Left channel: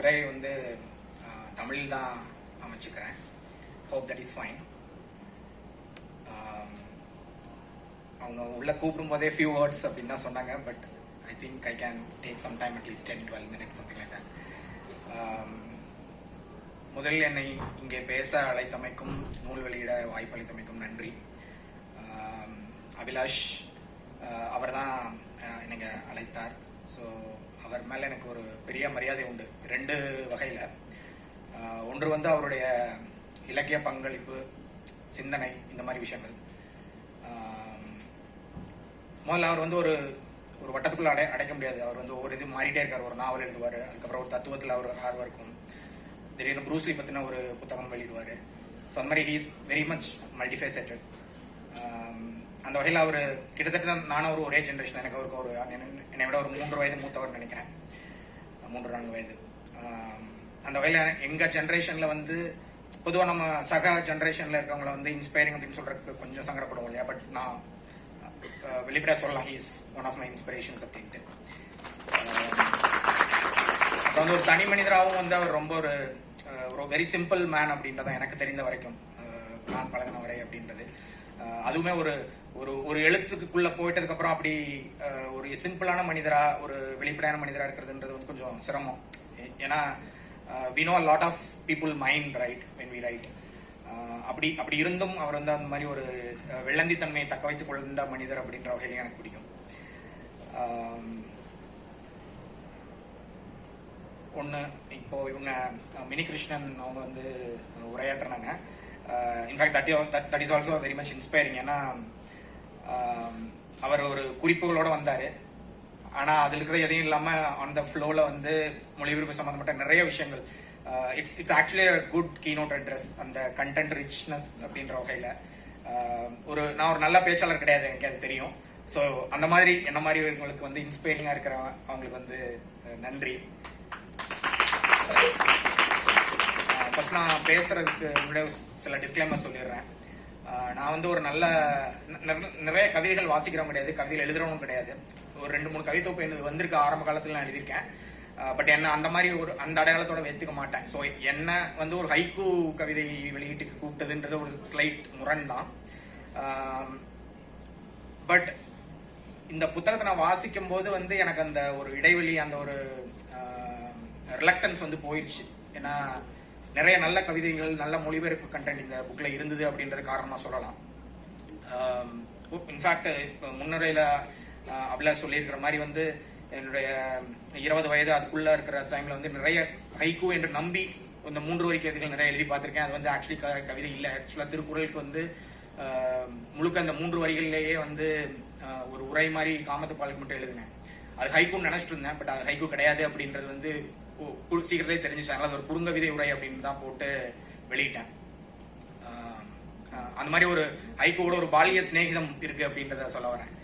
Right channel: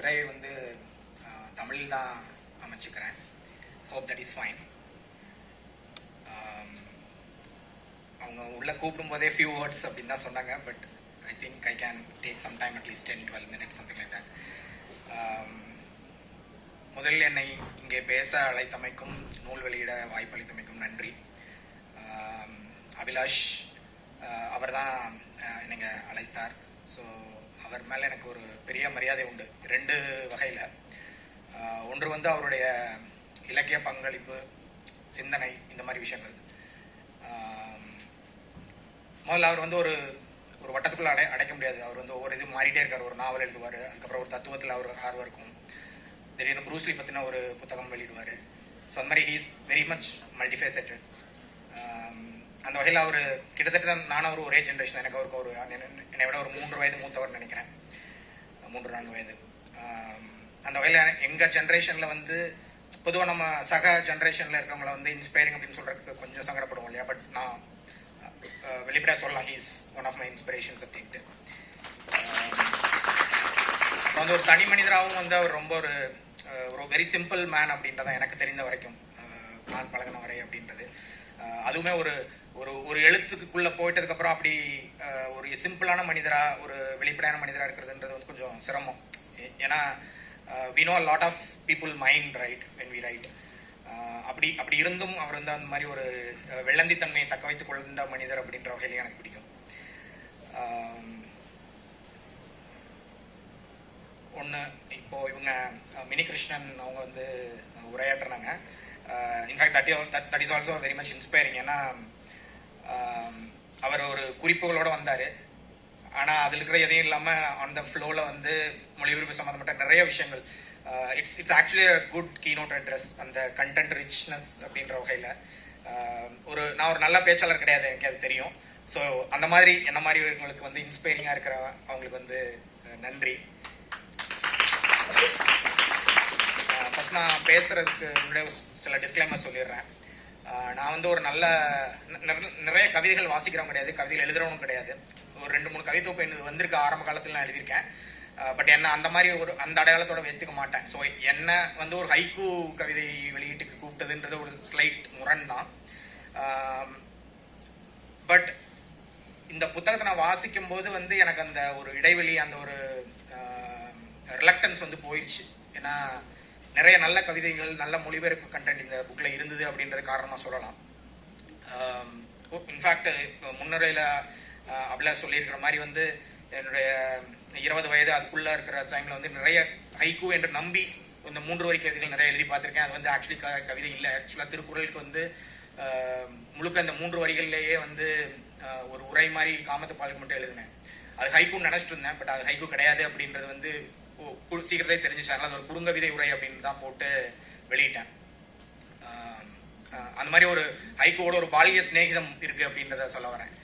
உரையை வந்து தமிழில் தான் அமைச்சுக்கிறேன். Hope that is fine. அவங்க உள்ள கூப்பிடும் போதே ஃபியூ வேர்ட்ஸ் அப்படின்னு தான் சொன்னாங்க. But I think I can take some time, at least 10-12 minutes, something like that. முதலில் என்னை இங்கே பேச அழைத்தமைக்கும் நூல் வெளியிட வாய்ப்பளித்தமைக்கும் நன்றி. அபிலாஷ் அவர் தான் என்னை அழைத்தார். ஸோ அவர் மேலே எனக்கு ஒரு பெரிய மரியாதை உண்டு, 2 வகையில். ஒன்று வந்து அவருடைய இலக்கிய பங்களிப்பு, சிந்தனை, இந்த மாதிரி விஷயங்கள். முதல்ல அவர் வந்து ஒரு வட்டத்துக்குள்ள அடைக்க முடியாது. அவர் வந்து ஒவ்வொரு இது மாறிட்டே இருக்கார். ஒரு நாவல் எழுதுவார், அதுக்கப்புறம் ஒரு தத்துவத்தில் அவர் ஆர்வம் இருக்கும். திடீர்னு ப்ரூஸ்லி பற்றின ஒரு புத்தகம் வெளியிடுவார். ஸோ அந்த மாதிரி ஹீஸ் வெரி மச் மல்டிஃபேசட்டட். அந்த வகையில் அவர் கிட்டத்தட்ட நானும் ஒரு ஒரே ஜென்ரேஷன். எனக்கு அவருக்கு ஒரு என்னை விட ஒரு 3 வயது மூத்தவர் நினைக்கிறேன், 3-4 வயது. அந்த வகையில் எங்கள் ஜென்ரேஷனில் வந்து பொதுவாக நம்ம சக ஜென்ரேஷனில் இருக்கிறவங்கள வந்து இன்ஸ்பைரிங் அப்படின்னு சொல்கிறதுக்கு கொஞ்சம் சங்கடப்படுவோம் இல்லையா? பட் நான் வெளிப்படையாக சொல்லலாம், he's one of my inspirations அப்படின்ட்டு. அப்புறம் வந்து ஒரு தனி மனிதராகவும் வந்து அவர் ரொம்ப ஒரு வெரி சிம்பிள் மேன் அப்படின்றதான் எனக்கு தெரிந்த வரைக்கும், நான் பழகின வரை அப்படின்றது. அதுவுமே ஒரு ஒரு எழுத்துக்குள்ள போயிட்டதுக்கப்புறம் அப்படி ஒரு சிம்பிளான மனிதரா, ஒரு வெளிப்படையான மனிதராக இருக்கிறதுன்றது வந்து கொஞ்சம் சிரமம். ஏன்னா we know a lot of people mind, right, when we write. அப்படி இருந்தும் அவர் வந்து அந்த மாதிரி ஒரு வெள்ளந்தித்தன்மையை தக்க வைத்துக் கொண்ட மனிதர் அப்படின்ற வகையிலேயே எனக்கு பிடிக்கும். ஒன்று, இப்போ இவங்க மினி கிருஷ்ணன் அவங்க வந்து உரையாற்றுறாங்க. In fact that is also very much inspiring. ஏன்னா அவர் ஒரு குறிப்புகளோடு வந்தார். ஆனால் அதில் இருக்கிற எதையும் இல்லாமல் ஆன் த ஃப்ளோவில் வந்து மொழிபெயர்ப்பு சம்மந்தப்பட்ட நிறைய விஷயங்கள். It's actually a good keynote address. அந்த கண்டென்ட் ரிச்னஸ் அப்படின்ற வகையில் நான் ஒரு நல்ல பேச்சாளர் கிடையாது, எனக்கு அது தெரியும். ஸோ அந்த மாதிரி என்ன மாதிரி இவங்களுக்கு வந்து இன்ஸ்பைரிங்காக இருக்கிற அவங்களுக்கு வந்து நன்றி. ஃபர்ஸ்ட் நான் பேசுறதுக்கு முன்னாடி சில டிஸ்க்ளைமர் சொல்லிடுறேன். நான் வந்து ஒரு நிறைய கவிதைகள் வாசிக்கிறவங்க கிடையாது, கவிதைகள் எழுதுறவனும் கிடையாது. ஒரு 2-3 கவிதை தொகுப்பு எனக்கு வந்திருக்கு, ஆரம்ப காலத்தில் நான் எழுதியிருக்கேன். பட் என்ன அந்த மாதிரி அந்த அடையாளத்தோட வைத்துக்க மாட்டேன். ஸோ என்ன வந்து ஒரு ஹைக்கூ கவிதை வெளியீட்டுக்கு கூப்பிட்டதுன்றது ஒரு ஸ்லைட் முரண் தான். பட் இந்த புத்தகத்தை நான் வாசிக்கும் போது வந்து எனக்கு அந்த ஒரு இடைவெளி, அந்த ஒரு ரிலக்டன்ஸ் வந்து போயிடுச்சு. ஏன்னா நிறைய நல்ல கவிதைகள், நல்ல மொழிபெயர்ப்பு கண்டென்ட் இந்த புக்கில் இருந்தது அப்படின்றது காரணமாக சொல்லலாம். இன்ஃபேக்ட் முன்னுரையில் அபிலாஷ் சொல்லியிருக்கிற மாதிரி வந்து என்னுடைய 20 வயது அதுக்குள்ளே இருக்கிற டைமில் வந்து நிறைய ஹைக்கூ என்று நம்பி இந்த 3 வரி கவிதைகள் நிறைய எழுதி பார்த்துருக்கேன். அது வந்து ஆக்சுவலி கவிதை இல்லை. ஆக்சுவலாக திருக்குறளுக்கு வந்து முழுக்க அந்த 3 வரிகளிலேயே வந்து ஒரு உரை மாதிரி காமத்துப்பாலுக்கு மட்டும் எழுதினேன். அது ஹைக்கூன்னு நினச்சிட்டு இருந்தேன். பட் அது ஹைக்கூ கிடையாது அப்படின்றது வந்து சீக்கிரத்திலே தெரிஞ்சிச்சு. அதனால் அது ஒரு குறுங்கவிதை உரை அப்படின்னு தான் போட்டு வெளியிட்டேன். அந்த மாதிரி ஒரு ஹைக்கூவோட ஒரு பாலிய சிநேகிதம் இருக்குது அப்படின்றத சொல்ல வரேன்.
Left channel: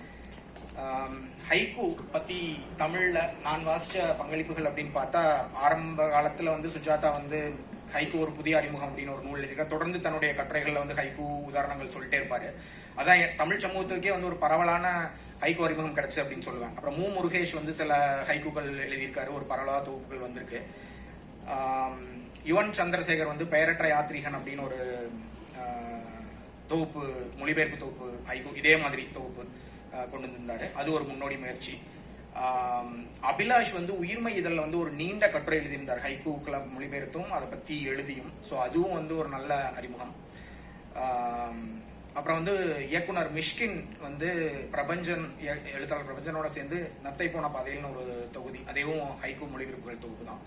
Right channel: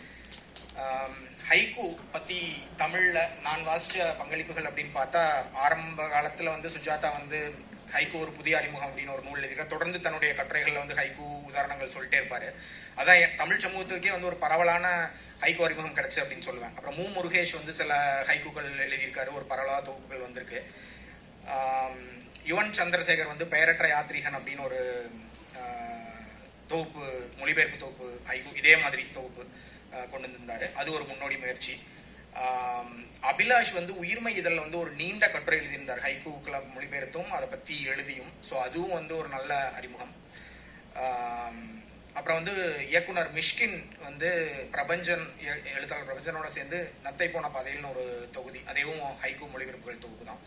ஹைக்கூ பற்றி தமிழில் நான் வாசித்த பங்களிப்புகள் அப்படின்னு பார்த்தா, ஆரம்ப காலத்தில் வந்து சுஜாதா வந்து ஹைக்கூ ஒரு புதிய அறிமுகம் அப்படின்னு ஒரு நூல் எழுதியிருக்கார். தொடர்ந்து தன்னுடைய கட்டுரைகளில் வந்து ஹைக்கூ உதாரணங்கள் சொல்லிட்டே இருப்பார். அதான் தமிழ் சமூகத்துக்கே வந்து ஒரு பரவலான ஹைக்கூ அறிமுகம் கிடைச்சு அப்படின்னு சொல்லுவேன். அப்புறம் முருகேஷ் வந்து சில ஹைக்கூக்கள் எழுதியிருக்காரு, ஒரு பரவலான தொகுப்புகள் வந்திருக்கு. யுவன் சந்திரசேகர் வந்து பெயரற்ற யாத்ரீகன் அப்படின்னு ஒரு தொகுப்பு, மொழிபெயர்ப்பு தொகுப்பு ஹைக்கூ இதே மாதிரி தொகுப்பு கொண்டு வந்திருந்தாரு. அது ஒரு முன்னோடி முயற்சி. அபிலாஷ் வந்து உயிர்மை இதழில் வந்து ஒரு நீண்ட கட்டுரை எழுதியிருந்தார், ஹைக்கூக்களை மொழிபெயர்த்தும் அதை பற்றி எழுதியும். ஸோ அதுவும் வந்து ஒரு நல்ல அறிமுகம். அப்புறம் வந்து இயக்குனர் மிஷ்கின் வந்து எழுத்தாளர் பிரபஞ்சனோட சேர்ந்து நத்தை போன பாதையில்னு ஒரு தொகுதி, அதுவும் ஹைக்கூ மொழிபெயர்ப்புகள் தொகுப்பு தான்.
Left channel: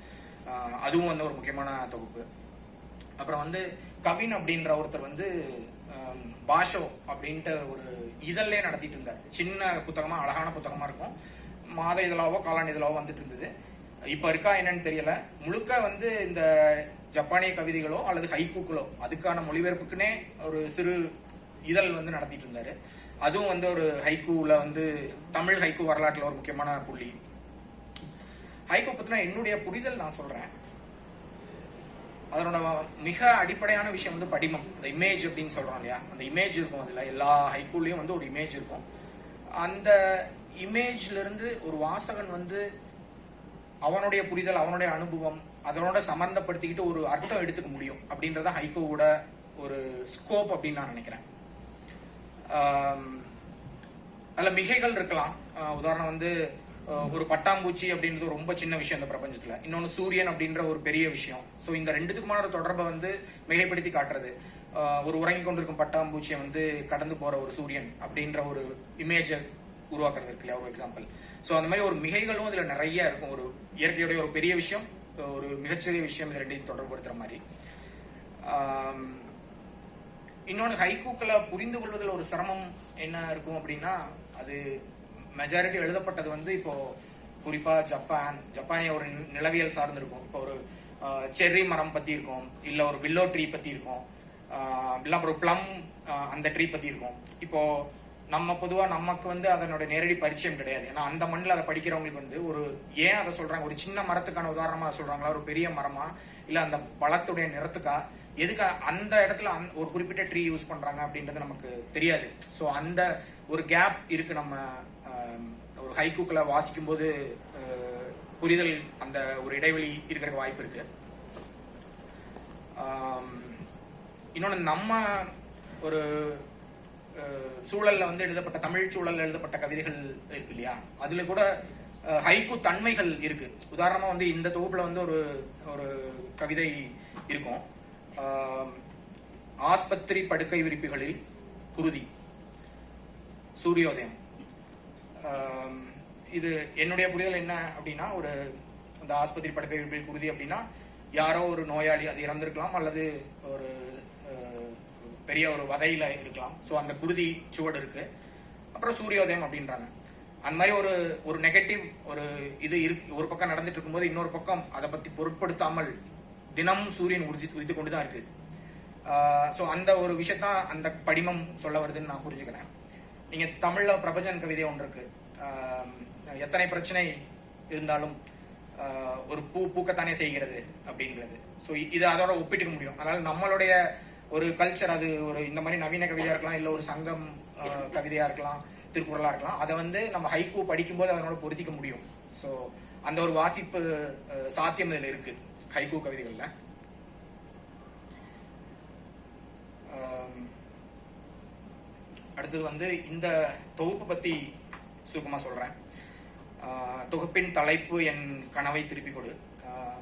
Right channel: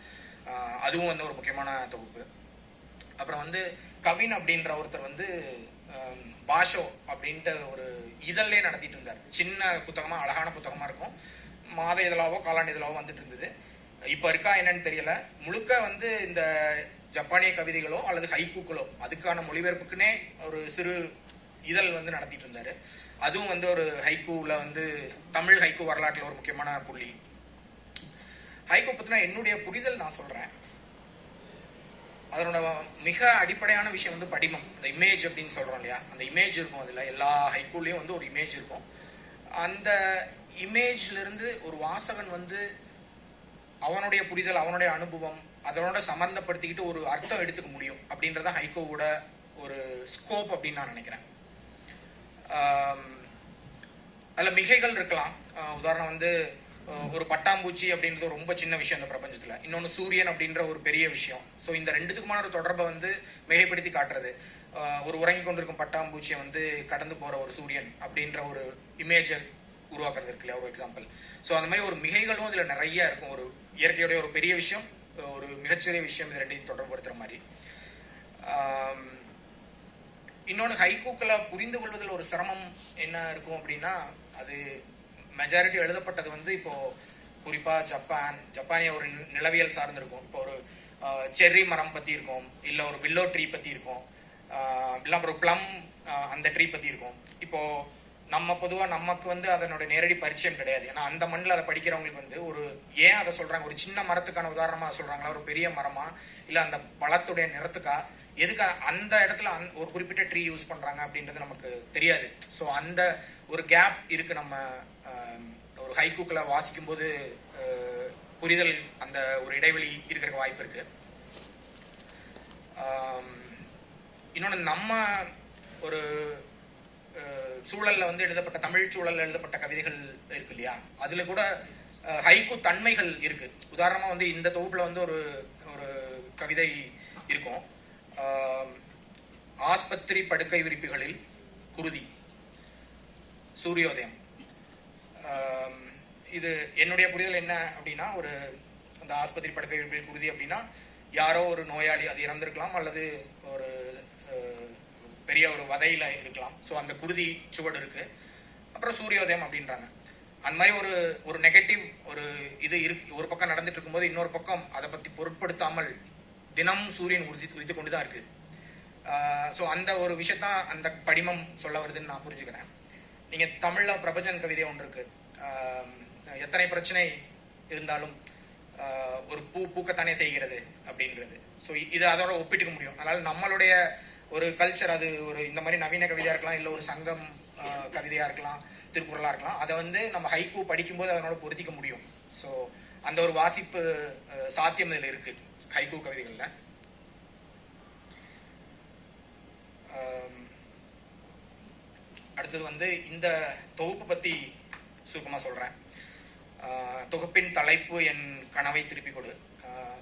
அதுவும் வந்து ஒரு முக்கியமான தொகுப்பு. அப்புறம் வந்து கவின் அப்படின்ற ஒருத்தர் வந்து பாஷோ அப்படின்ட்டு ஒரு இதழ்லே நடத்திட்டு இருந்தார். சின்ன புத்தகமாக, அழகான புத்தகமாக இருக்கும். மாத இதழாவோ காலாண்டு இதழாவோ வந்துட்டு இருந்தது. இப்போ இருக்கா என்னன்னு தெரியல. முழுக்க வந்து இந்த ஜப்பானிய கவிதைகளோ அல்லது ஹைக்கூக்களோ அதுக்கான மொழிபெயர்ப்புக்குன்னே ஒரு சிறு இதழ் வந்து நடத்திட்டு இருந்தாரு. அதுவும் வந்து ஒரு ஹைக்கூவில் வந்து தமிழ் ஹைக்கூ வரலாற்றில் ஒரு முக்கியமான புள்ளி. ஹைக்கூ பற்றினா என்னுடைய புரிதல் நான் சொல்கிறேன். அதனோட மிக அடிப்படையான விஷயம் வந்து படிமம், இந்த இமேஜ் அப்படின்னு சொல்கிறோம் இல்லையா? அந்த இமேஜ் இருக்கும். அதில் எல்லா ஹைக்கூலையும் வந்து ஒரு இமேஜ் இருக்கும். அந்த இமேஜ்லேருந்து ஒரு வாசகன் வந்து அவனுடைய புரிதல், அவனுடைய அனுபவம், அதனோட சம்பந்தப்படுத்திக்கிட்டு ஒரு அர்த்தம் எடுத்துக்க முடியும் அப்படின்றத ஹைக்கூவோட ஒரு ஸ்கோப் அப்படின்னு நான் நினைக்கிறேன். அதில் மிகைகள் இருக்கலாம். உதாரணம் வந்து ஒரு பட்டாம்பூச்சி அப்படின்றது ரொம்ப சின்ன விஷயம் இந்த பிரபஞ்சத்தில். இன்னொன்று சூரியன் அப்படின்ற ஒரு பெரிய விஷயம். ஸோ இந்த ரெண்டுத்துக்குமான ஒரு தொடர்பை வந்து மிகைப்படுத்தி காட்டுறது. ஒரு உறங்கி கொண்டிருக்கும் பட்டாம்பூச்சியை வந்து கடந்து போகிற ஒரு சூரியன் அப்படின்ற ஒரு இமேஜை உருவாக்குறது இருக்கு இல்லையா, ஒரு எக்ஸாம்பிள். ஸோ அந்த மாதிரி ஒரு மிகைகளும் இதில் நிறைய இருக்கும். ஒரு இயற்கையுடைய ஒரு பெரிய விஷயம், ஒரு மிகச்சிறிய விஷயம், இது ரெண்டையும் தொடர்புபடுத்துகிற மாதிரி. இன்னொன்று ஹைக்கூக்களை புரிந்து கொள்வதில் ஒரு சிரமம் என்ன இருக்கும் அப்படின்னா, அது மெஜாரிட்டி எழுதப்பட்டது வந்து இப்போ குறிப்பாக ஜப்பானிய ஒரு நிலவியல் சார்ந்து இருக்கும். இப்போ ஒரு செர்ரி மரம் பற்றி இருக்கும், இல்லை ஒரு வில்லோ ட்ரீ பற்றி இருக்கும், இல்லை ஒரு ப்ளம் அந்த ட்ரீ பற்றி இருக்கும். இப்போ நம்ம பொதுவாக நமக்கு வந்து அதனோட நேரடி பரிச்சயம் கிடையாது. ஏன்னா அந்த மண்ணில் அதை படிக்கிறவங்களுக்கு வந்து ஒரு ஏன் அதை சொல்கிறாங்க, ஒரு சின்ன மரத்துக்கான உதாரணமாக சொல்கிறாங்களா, ஒரு பெரிய மரமா, இல்லை அந்த பழத்துடைய நிறத்துக்கா, எதுக்கு அந்த இடத்துல ஒரு குறிப்பிட்ட ட்ரீ யூஸ் பண்ணுறாங்க அப்படின்றது நமக்கு தெரியாது. ஸோ அந்த ஒரு கேப் இருக்குது. நம்ம ஒரு ஹைக்கூக்களை வாசிக்கும் போது புரிதல் அந்த ஒரு இடைவெளி இருக்கிற வாய்ப்பு இருக்கு. இன்னொன்று, நம்ம ஒரு சூழல்ல வந்து எழுதப்பட்ட, தமிழ் சூழல்ல எழுதப்பட்ட கவிதைகள் இருக்கு இல்லையா, அதுல கூட ஹைக்கூ தன்மைகள் இருக்கு. உதாரணமா வந்து இந்த தொகுப்புல வந்து ஒரு ஒரு கவிதை இருக்கும். ஆஸ்பத்திரி படுக்கை விரிப்புகளில் குருதி, சூரியோதயம். இது என்னுடைய புரிதல் என்ன அப்படின்னா, ஒரு அந்த ஆஸ்பத்திரி படுக்கை விரிப்பில் குருதி அப்படின்னா யாரோ ஒரு நோயாளி, அது இறந்திருக்கலாம் அல்லது ஒரு பெரிய ஒரு வதையில இருக்கலாம். ஸோ அந்த குருதி சுவடு இருக்கு. அப்புறம் சூரியோதயம் அப்படின்றாங்க. அந்த மாதிரி ஒரு ஒரு நெகட்டிவ் ஒரு இது இருக்கு. ஒரு பக்கம் நடந்துட்டு இருக்கும்போது இன்னொரு பக்கம் அதை பத்தி பொருட்படுத்தாமல் தினமும் சூரியன் உதித்து கொண்டு தான் இருக்கு. ஸோ அந்த ஒரு விஷயத்தான் அந்த படிமம் சொல்ல வருதுன்னு நான் புரிஞ்சுக்கிறேன். நீங்க தமிழ்ல பிரபஞ்சன் கவிதை ஒன்று இருக்கு. எத்தனை பிரச்சனை இருந்தாலும் ஒரு பூ பூக்கத்தானே செய்கிறது அப்படிங்கிறது. ஸோ இது அதோட ஒப்பிட்டுக்க முடியும். அதனால நம்மளுடைய ஒரு கல்ச்சர், அது ஒரு இந்த மாதிரி நவீன கவிதையா இருக்கலாம், இல்லை ஒரு சங்கம் கவிதையா இருக்கலாம், திருக்குறளா இருக்கலாம், அதை வந்து நம்ம ஹைக்கூ படிக்கும்போது அதனோட பொருத்திக்க முடியும். ஸோ அந்த ஒரு வாசிப்பு சாத்தியம் இதில் இருக்கு ஹைக்கூ கவிதைகள்ல. அடுத்தது வந்து இந்த தொகுப்பு பத்தி சுருக்கமாக சொல்றேன். தொகுப்பின் தலைப்பு என் கனவை திருப்பி கொடு.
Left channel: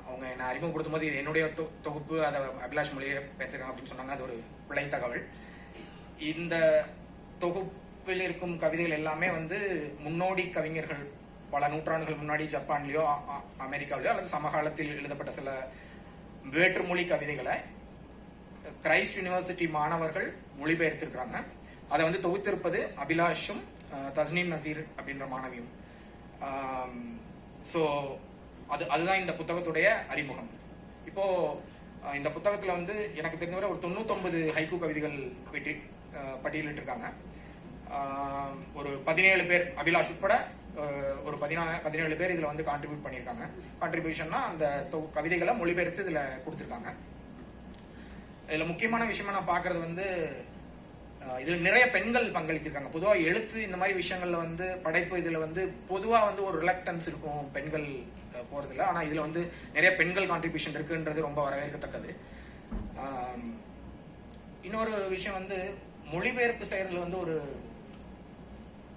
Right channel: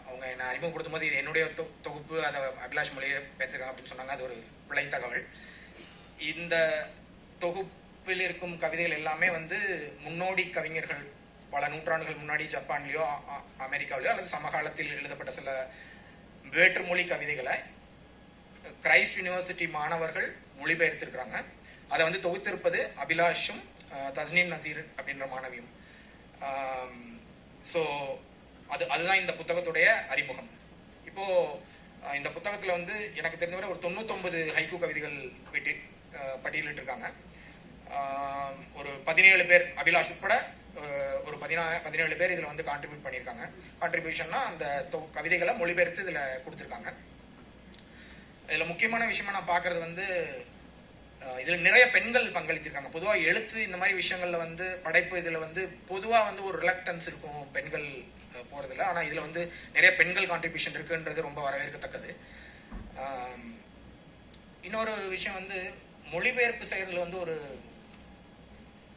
அவங்க என்னை அறிமுகப்படுத்தும் போது இது என்னுடைய தொகுப்பு, அதை அபிலாஷ் மொழியை பேசிருக்காங்க அப்படின்னு சொன்னாங்க. அது ஒரு பிழை தகவல். இந்த தொகுப்பில் இருக்கும் கவிதைகள் எல்லாமே வந்து முன்னோடி கவிஞர்கள் பல நூற்றாண்டுகள் முன்னாடி ஜப்பான்லேயோ அமெரிக்காவிலையோ அல்லது சமகாலத்தில் எழுதப்பட்ட சில வேற்றுமொழி கவிதைகளை கிரைஸ்ட் யூனிவர்சிட்டி மாணவர்கள் மொழிபெயர்த்திருக்கிறாங்க. அதை வந்து தொகுத்திருப்பது அபிலாஷும் தஸ்னீம் நசீர் அப்படின்ற மாணவியும். ஸோ அதுதான் இந்த புத்தகத்துடைய அறிமுகம். இப்போ இந்த புத்தகத்தில் வந்து எனக்கு தெரிஞ்சவரை ஒரு 99 ஹைக்கூ கவிதைகள் பட்டியலிட்டிருக்காங்க. ஒரு 17 பேர் அபிலாஷ் உட்பட ஒரு 17 பேர் இதில் வந்து கான்ட்ரிபியூட் பண்ணியிருக்காங்க. கான்ட்ரிபியூஷன்னா அந்த கவிதைகளை மொழிபெயர்த்து இதில் கொடுத்துருக்காங்க. இதில் முக்கியமான விஷயமா நான் பார்க்கறது வந்து இதில் நிறைய பெண்கள் பங்களித்திருக்காங்க. பொதுவாக எழுத்து இந்த மாதிரி விஷயங்கள்ல வந்து படைப்பு இதில் வந்து பொதுவாக வந்து ஒரு ரிலக்டன்ஸ் இருக்கும் பெண்கள் போகிறதில்ல. ஆனால் இதில் வந்து நிறைய பெண்கள் கான்ட்ரிபியூஷன் இருக்குன்றது ரொம்ப வரவேற்கத்தக்கது. இன்னொரு விஷயம் வந்து மொழிபெயர்ப்பு செய்யறதுல வந்து ஒரு,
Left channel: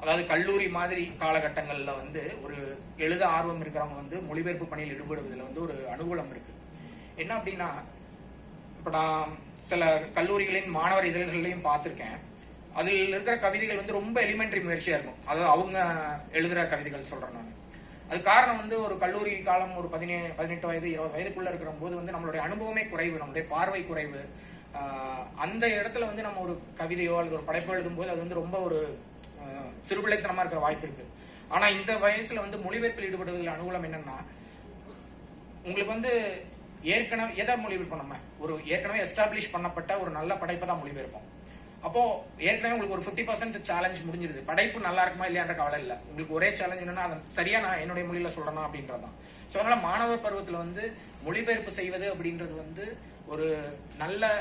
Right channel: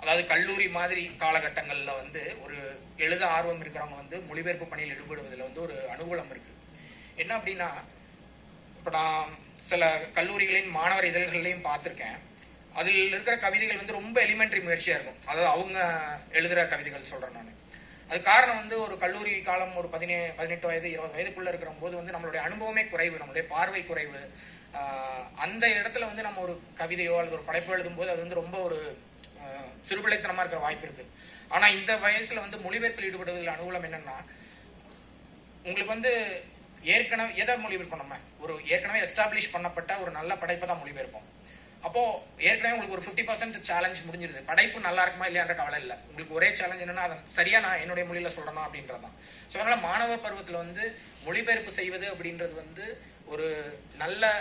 அதாவது கல்லூரி மாதிரி காலகட்டங்களில் வந்து ஒரு எழுத ஆர்வம் இருக்கிறவங்க வந்து மொழிபெயர்ப்பு பணியில் ஈடுபடுவதில் வந்து ஒரு அனுகூலம் இருக்கு. என்ன அப்படின்னா, இப்போ நான் சில கல்லூரிகளின் மாணவர் இதழ்களையும் பார்த்துருக்கேன். அதில் இருக்கிற கவிதைகள் வந்து ரொம்ப எலிமெண்ட்ரி முயற்சியாக இருக்கும். அதாவது அவங்க எழுதுகிற கவிதைகள் சொல்கிறேன் நான். அது காரணம் வந்து ஒரு கல்லூரி காலம், ஒரு 18 வயது 20 வயதுக்குள்ளே இருக்கிற போது வந்து நம்மளுடைய அனுபவமே குறைவு, நம்மளுடைய பார்வை குறைவு. அந்த இடத்துல வந்து நம்ம ஒரு கவிதையோ அல்லது ஒரு படைப்போ எழுதும்போது அது வந்து ரொம்ப ஒரு சிறுபிள்ளைத்தனமாக இருக்கிற வாய்ப்பு இருக்கு. ஆனால் இந்த வயசில் வந்து மொழிபெயர்ப்பில் ஈடுபடுவதில் அனுகூலம் என்னன்னா, உங்களுக்கு வந்து ஏற்கனவே எதை மொழிபெயர்ப்போம், நம்ம ஒரு ஏற்கனவே எஸ்டாப்ளிஷ் பண்ணப்பட்ட ஒரு நல்ல படைப்பை தான் மொழிபெயர்ப்போம். அப்போ ஏற்கனவே உங்களுக்கு ஒரு 50% சேலஞ்ச் முடிஞ்சிருது. படைப்பு நல்லா இருக்குமா இல்லையான்ற கவலை இல்லை. உங்களுக்கு ஒரே சேலஞ்ச் என்னன்னா, அதை சரியா நான் என்னுடைய மொழியில சொல்றேன்னா அப்படின்றதான். ஸோ அதனால மாணவர் பருவத்தில் வந்து மொழிபெயர்ப்பு செய்வது அப்படின்றது வந்து ஒரு நல்ல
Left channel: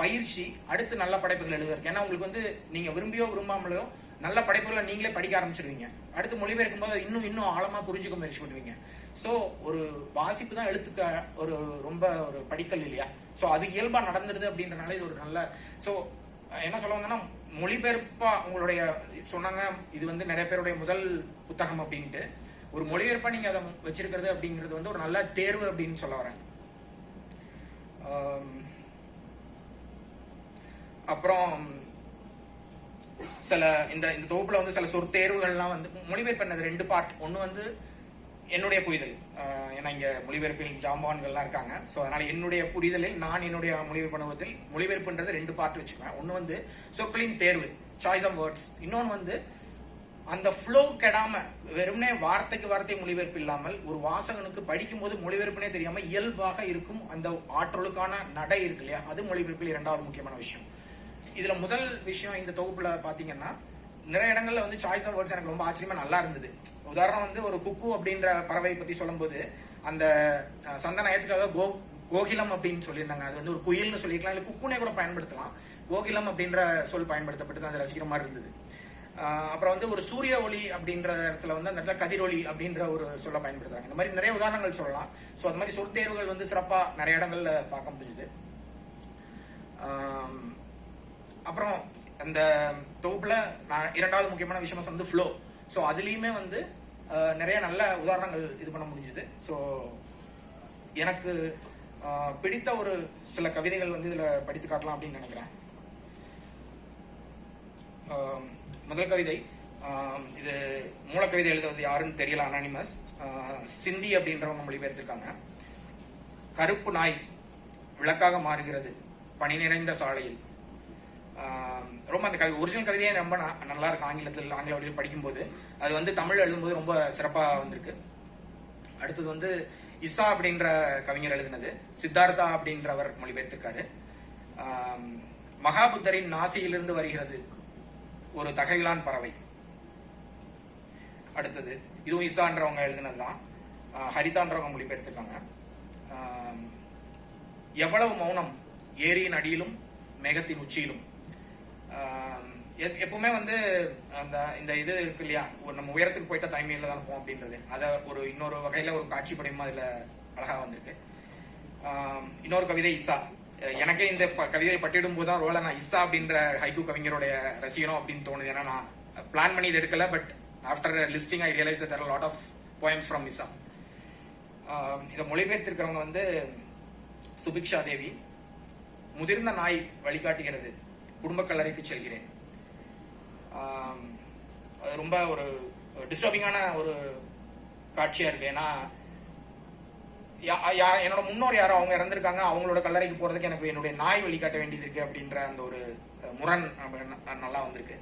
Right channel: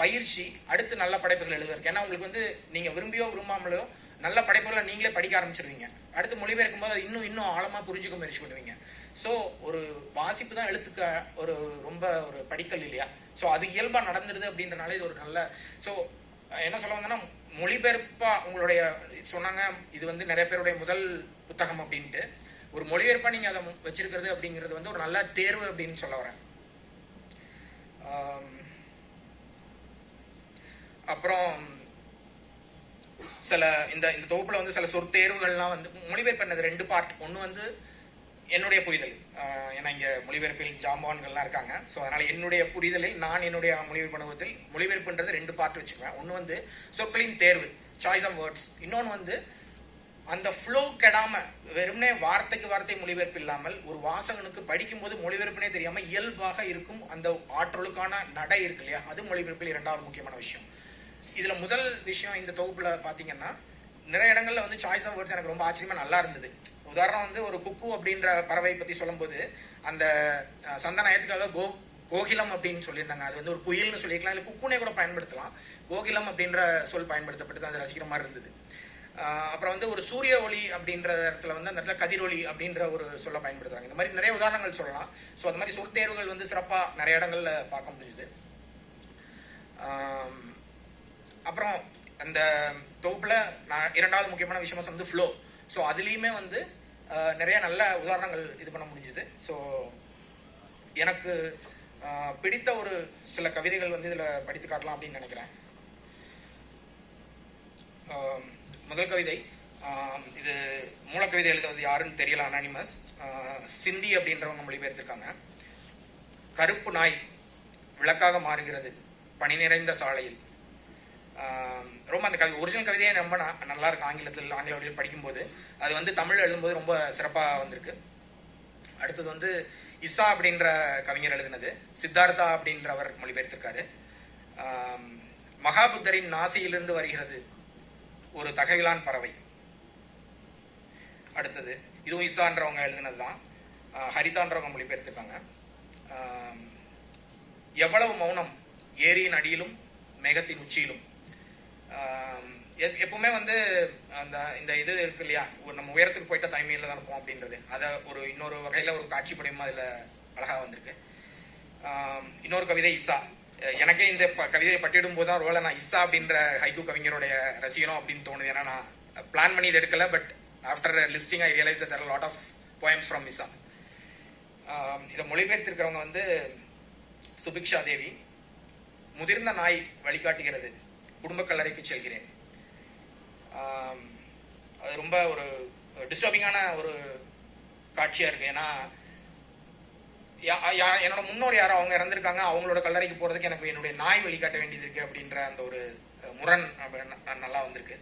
பயிற்சி, அடுத்து நல்ல படைப்புகள் எழுதுறதுக்கு. ஏன்னா உங்களுக்கு வந்து நீங்க விரும்பியோ விரும்பாமலையோ நல்ல படைப்புகளை நீங்களே படிக்க ஆரம்பிச்சிருவீங்க. அடுத்து மொழிபெயர்க்கும் போது அது இன்னும் ஆழமா புரிஞ்சுக்க முயற்சி பண்ணுவீங்க. ஸோ ஒரு வாசிப்பு தான் எழுத்துக்க ஒரு ரொம்ப ஒரு படிக்கல் இல்லையா? ஸோ அது இயல்பா நடந்துருது அப்படின்றனால இது ஒரு நல்ல. ஸோ என்ன சொல்ல வந்தோம்னா, மொழிபெயர்ப்பா உங்களுடைய சொன்னாங்க இது வந்து நிறைய பேருடைய முதல் புத்தகம் அப்படின்ட்டு. ஒரு மொழிபெயர்ப்பா நீங்க அதை வச்சிருக்கிறது அப்படிங்கிறது வந்து ஒரு நல்ல தேர்வு அப்படின்னு சொல்ல வரேன். அப்புறம் சில இந்த தொகுப்புல வந்து சில சொற்தேர்வுகள்லாம் வந்து மொழிபெயர்ப்பு பண்ணது 2 பார்ட். ஒன்று வந்து என்னுடைய புரிதல், ஏன்னா இங்க மொழிபெயர்ப்பில் ஜாம்பான்கள்லாம் இருக்காங்க. ஸோ அதனால என்னுடைய புரிதலில் நான் என்னுடைய மொழிபெயர்ப்பு அனுபவத்தில் மொழிபெயர்ப்புன்றது 2 பார்ட் வச்சுக்குவேன். ஒன்று வந்து சொற்களின் தேர்வு, சாய்ஸ் ஆஃப் வேர்ட்ஸ். இன்னொன்று வந்து அந்த ஃப்ளோ கெடாம வெறுமனே வார்த்தைக்கு வார்த்தை மொழிபெயர்ப்பு இல்லாமல் ஒரு வாசகனுக்கு படிக்கும் போது மொழிபெயர்ப்புனே தெரியாம இயல்பாக இருக்கும் அந்த ஆற்றலுக்கான நடை இருக்கு இல்லையா? அது மொழிபெயர்ப்பில் 2வது முக்கியமான விஷயம். இதுல முதல் விஷயம் இந்த தொகுப்புல பாத்தீங்கன்னா நிறைய இடங்கள்ல வந்து சாய்ஸ் ஆஃப் வேர்ட்ஸ் எனக்கு ரொம்ப ஆச்சரியமா நல்லா இருந்தது. உதாரணம் வந்து ஒரு குக்கு அப்படின்ற பறவை பத்தி சொல்லும் போது அந்த சந்தனயத்துக்காக கோகிலம் அப்படின்னு சொல்லியிருந்தாங்க. அது வந்து ஒரு குயில்னு சொல்லிக்கலாம், இல்லை குக்குனே கூட பயன்படுத்தலாம். கோகிலம் அப்படின்ற சொல் பயன்படுத்தப்பட்டு அந்த ரசிக்கிற மாதிரி இருந்தது. அப்புறம் வந்து ஒரு சூரிய ஒளி அப்படின்ற இடத்துல வந்து அந்த இடத்துல கதிரொலி அப்படின்ற ஒரு சொல்ல பயன்படுத்துறாங்க. இந்த மாதிரி நிறைய உதாரணங்கள் சொல்லலாம். ஸோ அது மாதிரி சொற்தேர்வுகள் வந்து சிறப்பா நிறைய இடங்கள்ல பார்க்க முடியுது. அப்புறம் அந்த தொகுப்புல நான் 2வது முக்கியமான விஷயமா வந்து ஃப்ளோ. ஸோ அதுலேயுமே வந்து நிறைய நல்ல உதாரணங்கள் இது பண்ண முடிஞ்சுது. ஸோ எனக்கு பிடித்த ஒரு சில கவிதைகள் வந்து இதில் படித்து காட்டலாம் அப்படின்னு நினைக்கிறேன். முதல் கவிதை, இது மூலக்கவிதை எழுதுவது யாருன்னு தெரியல, அனானிமஸ். சிந்தி அப்படின்றவங்க மொழிபெயர்த்திருக்காங்க. கருப்பு நாய் விளக்காக மாறுகிறது பனி நிறைந்த சாலையில். ரொம்ப அந்த ஒரிஜினல் கவிதையே ரொம்ப நல்லா இருக்கு. ஆங்கில வழியில் படிக்கும்போது அது வந்து தமிழ் எழுதும்போது ரொம்ப சிறப்பாக வந்திருக்கு. அடுத்தது வந்து இசா அப்படின்ற கவிஞர் எழுதினது, சித்தார்த்தா அப்படின்றவர் மொழிபெயர்த்திருக்காரு. மகாபுத்தரின் நாசியிலிருந்து வருகிறது ஒரு தகைவிலான் பறவை. அடுத்தது இதுவும் இசான்றவங்க எழுதினது தான், ஹரிதான்றவங்க மொழிபெயர்த்திருக்காங்க. எவ்வளவு மௌனம் ஏரியின் அடியிலும் மேகத்தின் உச்சியிலும். எப்பவுமே வந்து இந்த இது இருக்கு இல்லையா, ஒரு நம்ம உயரத்துக்கு போயிட்டா தனிமையில தான் இருப்போம் அப்படின்றது, அதை ஒரு இன்னொரு வகையில ஒரு காட்சி படையமா இதுல அழகா வந்திருக்கு. இன்னொரு கவிதை இசா. எனக்கே இந்த கவிதையை பட்டிடும் போது தான் ரோல நான் இசா அப்படின்ற ஹைக்கூ கவிஞருடைய ரசிகனும் அப்படின்னு தோணுது. ஏன்னா நான் பிளான் பண்ணி இது எடுக்கல, but after listing I realise that there are lot of poems from Issa. இதை மொழிபெயர்த்திருக்கிறவங்க வந்து சுபிக்ஷா தேவி. முதிர்ந்த நாய் வழிகாட்டுகிறது, குடும்ப கல்லறைக்கு செல்கிறேன். அது ரொம்ப ஒரு டிஸ்டர்பிங்கான ஒரு காட்சியா இருக்கு. ஏன்னா என்னோட முன்னோர் யாரோ அவங்க இறந்திருக்காங்க, அவங்களோட கல்லறைக்கு போறதுக்கு எனக்கு என்னுடைய நாய் வழிகாட்ட வேண்டியது இருக்கு அப்படின்ற அந்த ஒரு முரண் நல்லா வந்திருக்கு.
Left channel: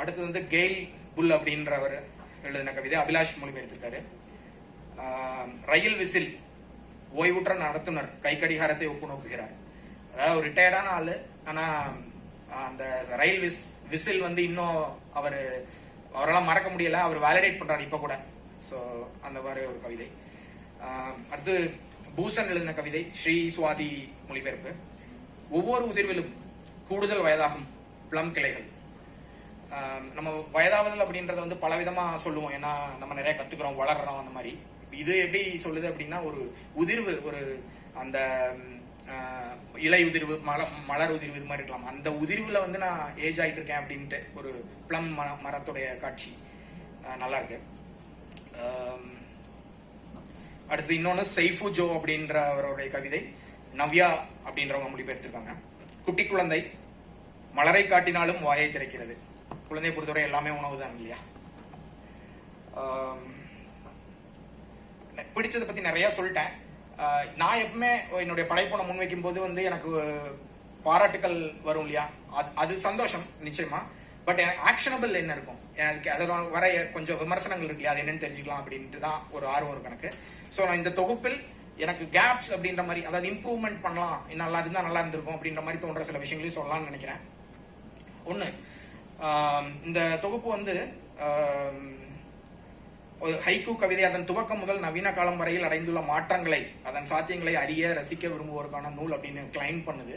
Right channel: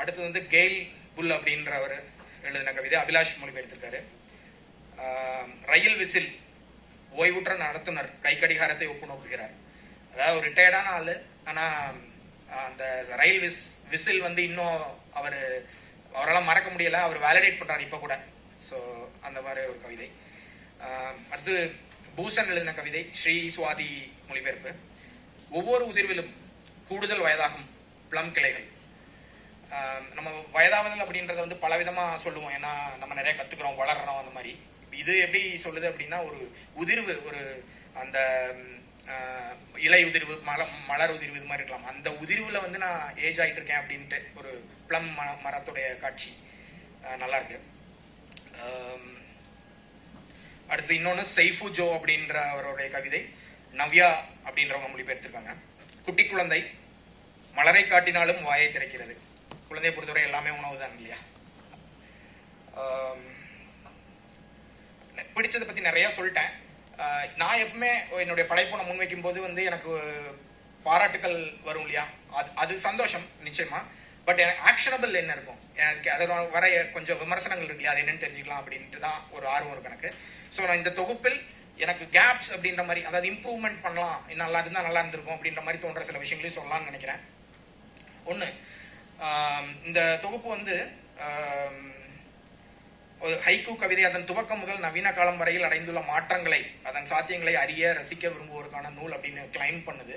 அடுத்தது வந்து கெயில் புல் அப்படின்றவர் எழுதின கவிதை, அபிலாஷ் மொழிபெயர்த்திருக்காரு. ரயில் விசில், ஓய்வுற்ற நடத்துனர் கை கடிகாரத்தை ஒப்பு நோக்குகிறார். அதாவது ஒரு ரிட்டையர்டான ஆளு, ஆனா அந்த ரயில் விசில் வந்து இன்னும் அவரெல்லாம் மறக்க முடியல, அவர் வேலிடேட் பண்றாரு இப்ப கூட. ஸோ அந்த மாதிரி ஒரு கவிதை. அடுத்து பூசன் எழுதின கவிதை, ஸ்ரீ சுவாதி மொழிபெயர்ப்பு. ஒவ்வொரு உதிர்விலும் கூடுதல் வயதாகும் பிளம் கிளைகள். நம்ம வயதாவதல் அப்படின்றத வந்து பல விதமா சொல்லுவோம். ஏன்னா நம்ம நிறைய கத்துக்கிறோம், வளர்றோம், அந்த மாதிரி. இது எப்படி சொல்லுது அப்படின்னா, ஒரு உதிர்வு, ஒரு அந்த இலை உதிர்வு, மலர் உதிர்வு, இது மாதிரி இருக்கலாம். அந்த உதிர்வுல வந்து நான் ஏஜ் ஆயிட்டு இருக்கேன் அப்படின்ட்டு ஒரு பிளம் மரத்துடைய காட்சி நல்லா இருக்கு. அடுத்து இன்னொன்று சைஃபு ஜோ அப்படின்ற அவருடைய கவிதை, நவ்யா அப்படின்றவங்க மொழிபெயர்த்திருக்காங்க. குட்டி குழந்தை மலரை காட்டினாலும் வாயை திறக்கிறது. குழந்தையை பொறுத்தவரை எல்லாமே உணவு தான் இல்லையா? பிடிச்சதை பத்தி நிறைய சொல்லிட்டேன். நான் எப்பவுமே என்னுடைய படைப்பை முன்வைக்கும் போது வந்து எனக்கு பாராட்டுக்கள் வரும் இல்லையா, அது சந்தோஷம் நிச்சயமா. பட் எனக்கு ஆக்ஷனபிள் என்ன இருக்கும், எனக்கு அதை வர கொஞ்சம் விமர்சனங்கள் இருக்கு இல்லையா, அது என்னன்னு தெரிஞ்சுக்கலாம் அப்படின்ட்டு தான் ஒரு ஆர்வம் இருக்கு எனக்கு. ஸோ நான் இந்த தொகுப்பில் எனக்கு கேப்ஸ் அப்படின்ற மாதிரி, அதாவது இம்ப்ரூவ்மெண்ட் பண்ணலாம், நல்லா இருந்தால் நல்லா இருந்திருக்கும் அப்படின்ற மாதிரி தோன்ற சில விஷயங்களையும் சொல்லலாம்னு நினைக்கிறேன். ஒன்று, இந்த தொகுப்பு வந்து ஒரு ஹைக்கூ கவிதை அதன் துவக்கம் முதல் நவீன காலம் வரையில் அடைந்துள்ள மாற்றங்களை, அதன் சாத்தியங்களை அறிய ரசிக்க விரும்புவோருக்கான நூல் அப்படின்னு கிளைம் பண்ணுது.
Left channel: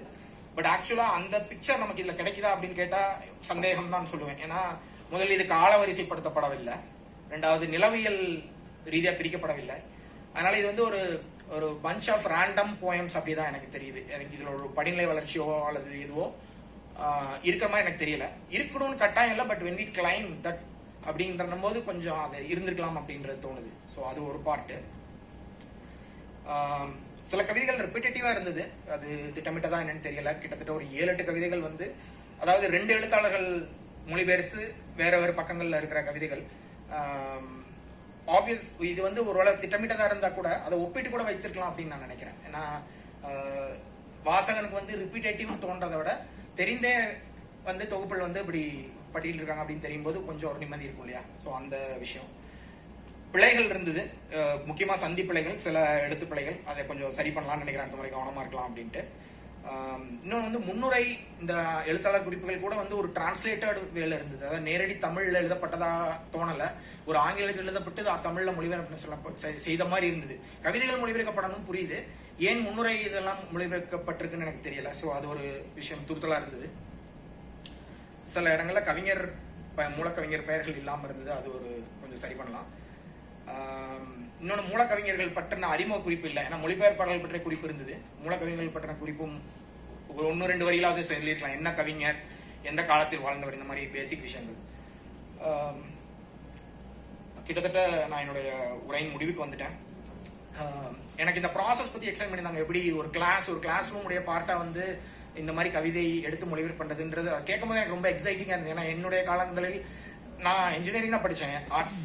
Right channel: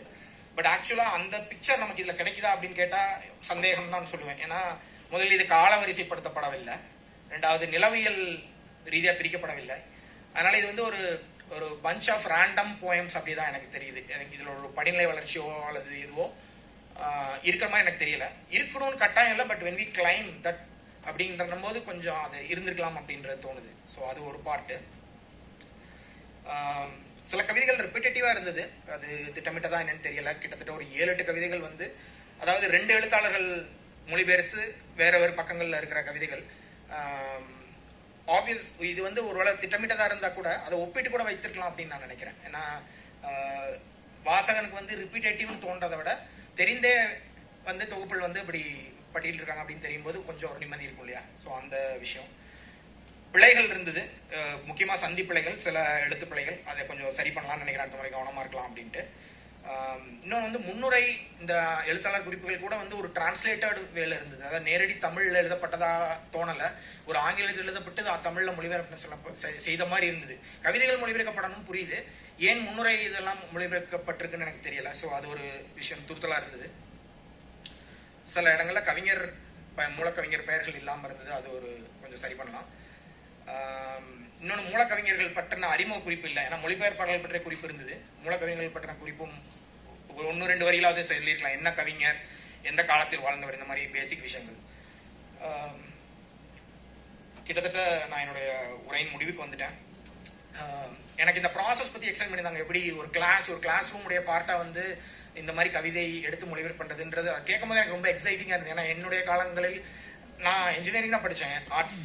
பட் ஆக்சுவலாக அந்த பிக்சர் நமக்கு இதில் கிடைக்குதா அப்படின்னு கேட்டால் சந்தேகம் தான் சொல்லுவேன். ஏன்னா முதலில் இது கால வரிசைப்படுத்தப்படவில்லை, ரெண்டாவது நிலவியல் ரீதியாக பிரிக்கப்படவில்லை. அதனால இது வந்து ஒரு ஒரு பஞ்ச் ஆஃப் ரேண்டம் போயம்ஸ் அப்படி தான் எனக்கு தெரியுது. எனக்கு இதில் ஒரு படிநிலை வளர்ச்சியோ அல்லது இதுவோ இருக்கிற மாதிரி எனக்கு தெரியல. இருக்கணும்னு கட்டாயம் இல்லை, but when we claim that அப்படின்ற போது கொஞ்சம் அது இருந்திருக்கலாம் அப்படின்றது தோணுது. ஸோ அது ஒரு பார்ட்டு. சில கவிதைகள் ரிப்பீட்டேட்டிவாக இருந்தது, அது திட்டமிட்டதா என்னன்னு தெரியல. கிட்டத்தட்ட ஒரு 7-8 கவிதைகள் வந்து, அதாவது 2 எழுத்தாளர்கள் மொழிபெயர்த்து வேற வேறு பக்கங்களில் இருக்கிற கவிதைகள். ஆப்வியஸ் இது வந்து ஒருவேளை திட்டமிட்டதாக இருந்தால் கூட அதை ஒப்பிட்டு கூட வைத்திருக்கலாம் அப்படின்னு நான் நினைக்கிறேன். ஏன்னா வாசகனுக்கு வந்து ரிப்பீட்டேட்டிவ்னு தோன்றதை விட தெரிந்தே வந்து தொகுப்பில் வந்து இப்படி பட்டியல் இருக்காங்க அப்படின்னு தெரியும் போது கொஞ்சம் ஒரு நிம்மதி இருக்கும் இல்லையா? ஸோ அந்த விஷயம். பிழைகள் இருந்தது, முக்கியமாக சந்தி பிழைகள், சில எழுத்து பிழைகள், அதை கொஞ்சம் சரி பண்ணலாம்னு நினைக்கிறேன். அடுத்த முறை கவனமாக இருக்கலாம் அப்படின்ட்டு. இன்னொன்று வந்து முன்னுரை இந்த எழுத்தாளர் குறிப்புகள் கூட வந்து ஒரு டிரான்ஸ்லேட்டட் வேலை இருந்தது. அதாவது நேரடி தமிழில் எழுதப்பட்டதா தோணலை, ஒரு ஆங்கிலத்தில் எழுதப்பட்டு தமிழில் மொழிபெயர்ப்பு செய்த மாதிரி இருந்தது. கவிதைகள் மொழிபெயர்க்கப்படணும் புரியுது, ஏன் முன்னுரை இதெல்லாம் மொழிபெயர்க்கப்பட்டிருக்குன்னு எனக்கு தெரியல. ஸோ அது ஒரு விஷயம் துருத்தலாக இருந்தது. சில இடங்களில் கவிஞர் மூலக்கவிஞர் பெயர்கள் இல்லாமல் இருந்தது, அது ஒரு கொஞ்சம் சரி பண்ணலாம். இன்னொன்று மூலக்கவிஞர்கள் பற்றின அறிமுக குறிப்பு இல்லை, ஏன்னா மொழிபெயர்ப்பாளர்கள் பற்றிய குறிப்பு இருந்தது. மூலக்கவிஞர்கள் பற்றின குறிப்பும் ஒரு 1-2 வரியிலாவது சொல்லியிருக்கலாம். என்ன கவிஞர், எந்த காலத்தில் வாழ்ந்தவர், இந்த மாதிரி பேசிக் விஷயங்கள். கிட்டத்தட்ட நான் என்னுடைய உரையின் முடிவுக்கு வந்துட்டேன். எனக்கு இந்த ப்ராசஸ் பற்றி எக்ஸ்பிளைன் பண்ணியிருந்தாங்க. எப்படி ஒரு கிளாஸ் ரூமுடைய பார்ட்டாக வந்து இந்த மாதிரி கவிதை எடுத்து மொழிபெயர்ப்பு பண்ணுறதுன்றது கேட்கும் போது எனக்கு ரொம்ப எக்ஸைட்டிங்காக இருந்தது. ஏன்னா என்னுடைய காலங்களில் நான் இன்ஜினியரிங் தான் படித்தேன், ஆர்ட்ஸ்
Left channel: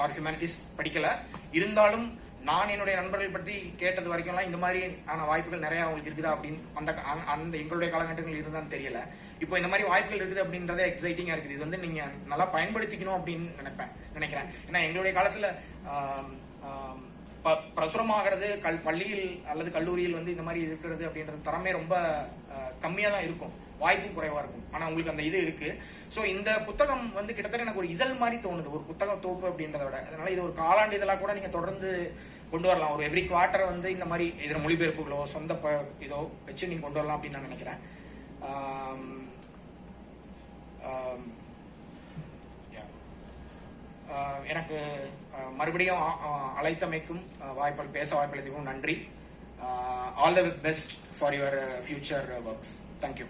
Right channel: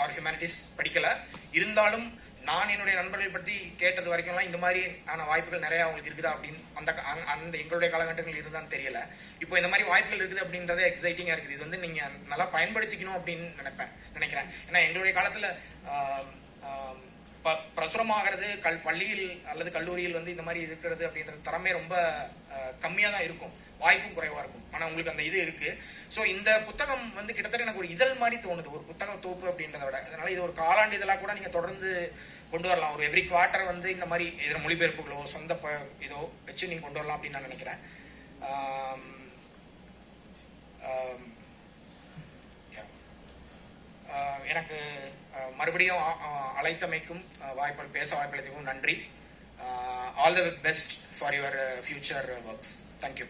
ஆர் ஹியூமனிட்டிஸ் படிக்கலை. இருந்தாலும் நான் என்னுடைய நண்பர்கள் பற்றி கேட்டது வரைக்கும்லாம் இந்த மாதிரி ஆன வாய்ப்புகள் நிறையா அவங்களுக்கு இருக்குதா அப்படின்னு அந்த எங்களுடைய காலகட்டங்கள் இருந்தான்னு தெரியல. இப்போ இந்த மாதிரி வாய்ப்புகள் இருக்குது அப்படின்றத எக்ஸைட்டிங்காக இருக்குது. இது வந்து நீங்கள் நல்லா பயன்படுத்திக்கணும் அப்படின்னு நினைக்கிறேன். ஏன்னா எங்களுடைய காலத்தில் பிரசுரமாகிறது பள்ளியில் அல்லது கல்லூரியில் வந்து இந்த மாதிரி இருக்கிறது அப்படின்றது தரமே ரொம்ப கம்மியாக தான் இருக்கும், வாய்ப்பும் குறைவாக இருக்கும். ஆனால் உங்களுக்கு அந்த இது இருக்குது. ஸோ இந்த புத்தகம் வந்து கிட்டத்தட்ட எனக்கு ஒரு இதழ் மாதிரி தோணுது, ஒரு புத்தகம் தொகுப்பு அப்படின்றத விட. அதனால இது ஒரு காலாண்டு இதழாக கூட நீங்கள் தொடர்ந்து கொண்டு வரலாம். ஒரு எவ்ரி குவார்ட்டர் வந்து இந்த மாதிரி இதில் மொழிபெயர்ப்புகளோ சொந்த இதோ வச்சு நீங்கள் கொண்டு வரலாம் அப்படின்னு நான் நினைக்கிறேன். எனக்கு மறுபடியும் அழைத்தமைக்கும் பேச வாய்ப்பளித்தமைக்கும் நன்றி. All the best for your future works. Thank you.